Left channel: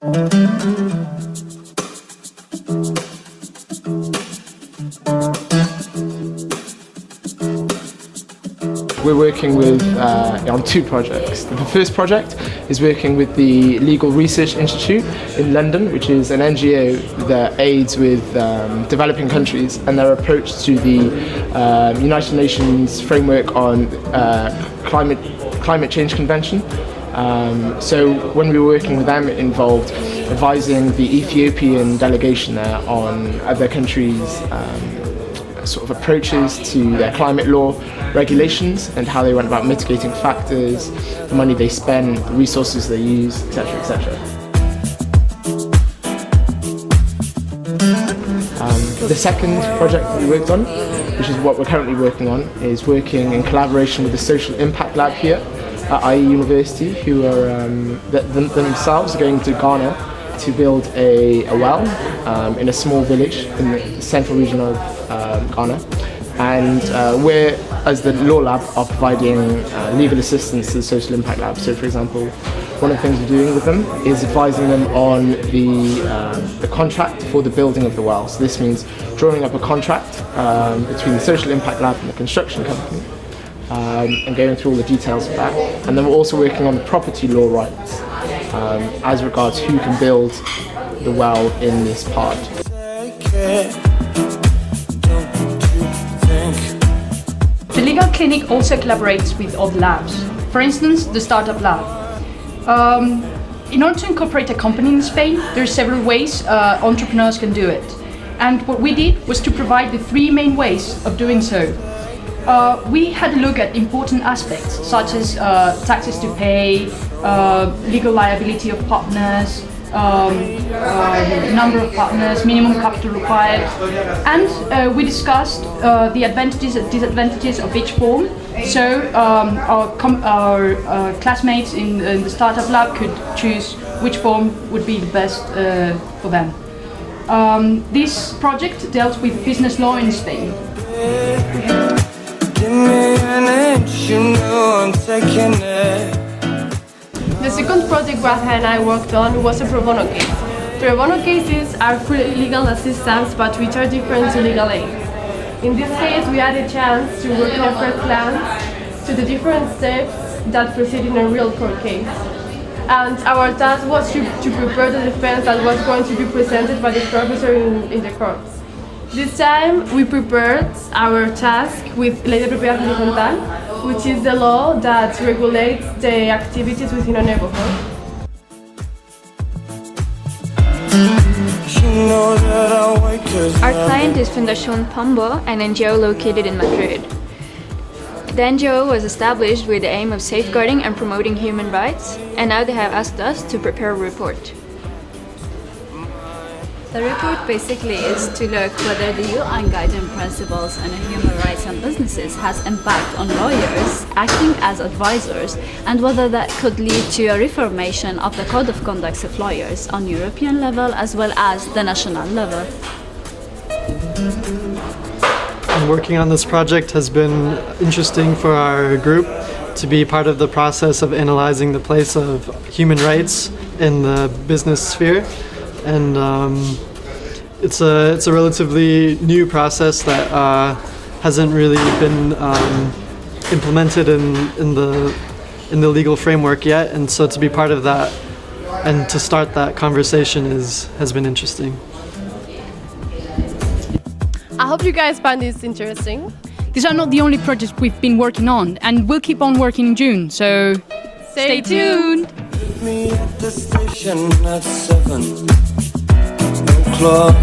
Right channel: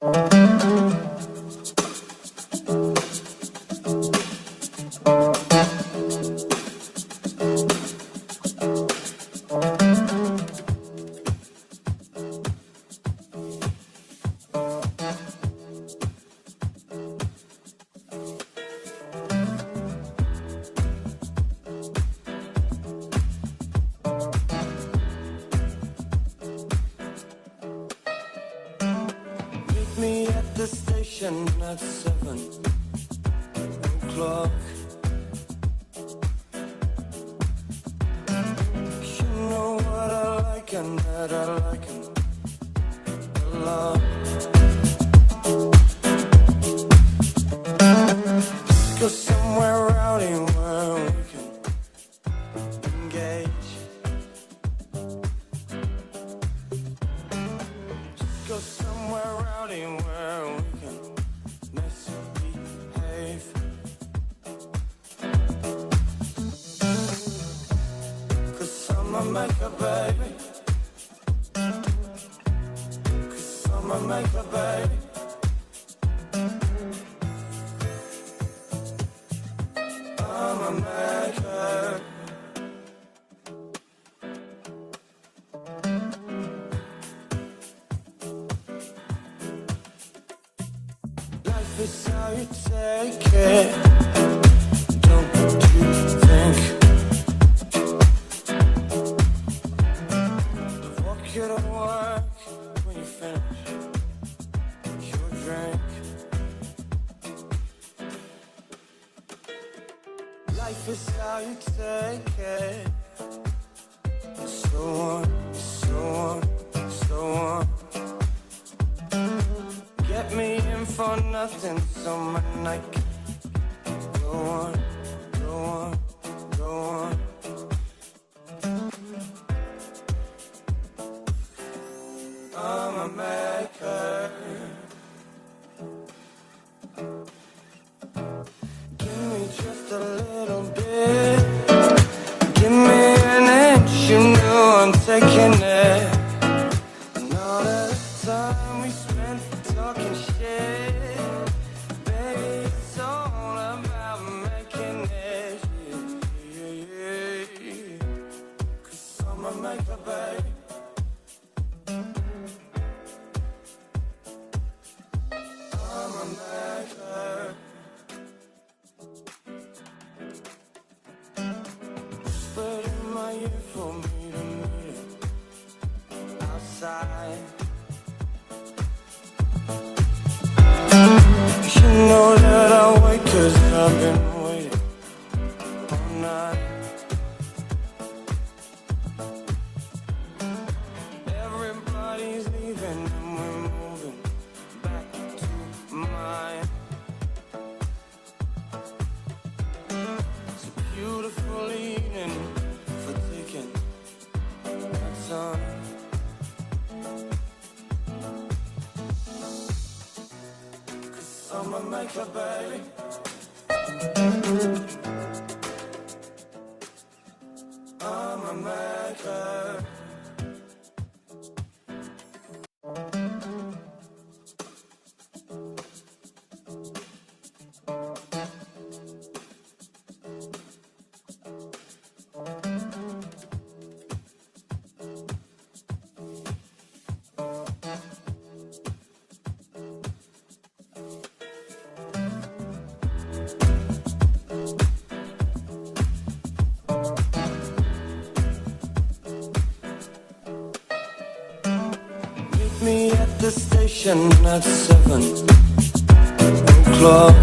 We're working with on two projects. The first project is working with the Legal Research Institute in London, which is an NGO that aids with developing countries and their approach to the United Nations framework on climate change convention. So when we were working with them, it involved advising the Ethiopian delegation there on other countries' sort of approaches to their climate law regulations and how they went about mitigating factors, the money they spend, the resources they use, etc., etc. The second project that we worked on, which is what we're currently working on, is working in collaboration with the Social Impact Lab here at IE University, who are themselves going to Ghana to build a well in a small village in the central region of Ghana. And we're, as the Law Lab, are providing legal assistance to the Social Impact Lab. So, for example, one of the things we're doing with them is advising them on the contract for the building of the well. So this means drawing up a contract between the Social Impact Lab and the construction company, and going through all the details of that. And then we're also working on the property law rights as regards who can build the well in this part. The legal clinic also collaborates with other labs. For instance, the Startup Lab. In order to incorporate a company in Spain, there are several ways entrepreneurs can do it. And what we did was to provide the three main ways of doing so. We had a look at important aspects such as taxes to pay, legal liability of partners, number of partners, minimum capital required, and we discussed the advantages and disadvantages of each form. So our classmates in the Startup Lab could choose which form would be the best for them. This project dealt with business law in Spain. Give me an inch, you know I'm taking it. The second project Raja and I worked on was a pro bono case. Pro bono cases are free legal assistance but which are different to legal aid. In this case, we had a chance to work on first glance to the different steps that proceed in a real court case. And our task was to prepare the defense that was going to be presented by the professor in the courts. This time we prepared our task with Ley de Propiedad Horizontal, which is the law that regulates the activities within a neighborhood. Our client is Fundación Pombo, an NGO located in Madrid. The NGO was established with the aim of safeguarding and promoting human rights, and now they have asked us to prepare a report. The report basically is to look whether the UN Guiding Principles on Human Rights and Businesses has impact on lawyers acting as advisors, and whether that could lead to a reformation of the Code of Conduct of lawyers on European level as well as the national level. Working on this project has been interesting for our group to be part of the process of analyzing the place of human rights in the business sphere. And it's a relatively new process that hasn't really been implemented in the legal framework yet, and so to be part of that and to start that conversation has been interesting. I hope you guys find this interesting. These are not the only projects we've been working on, and we'll keep on working in June, so stay tuned! Meet me at the station at 7 o'clock.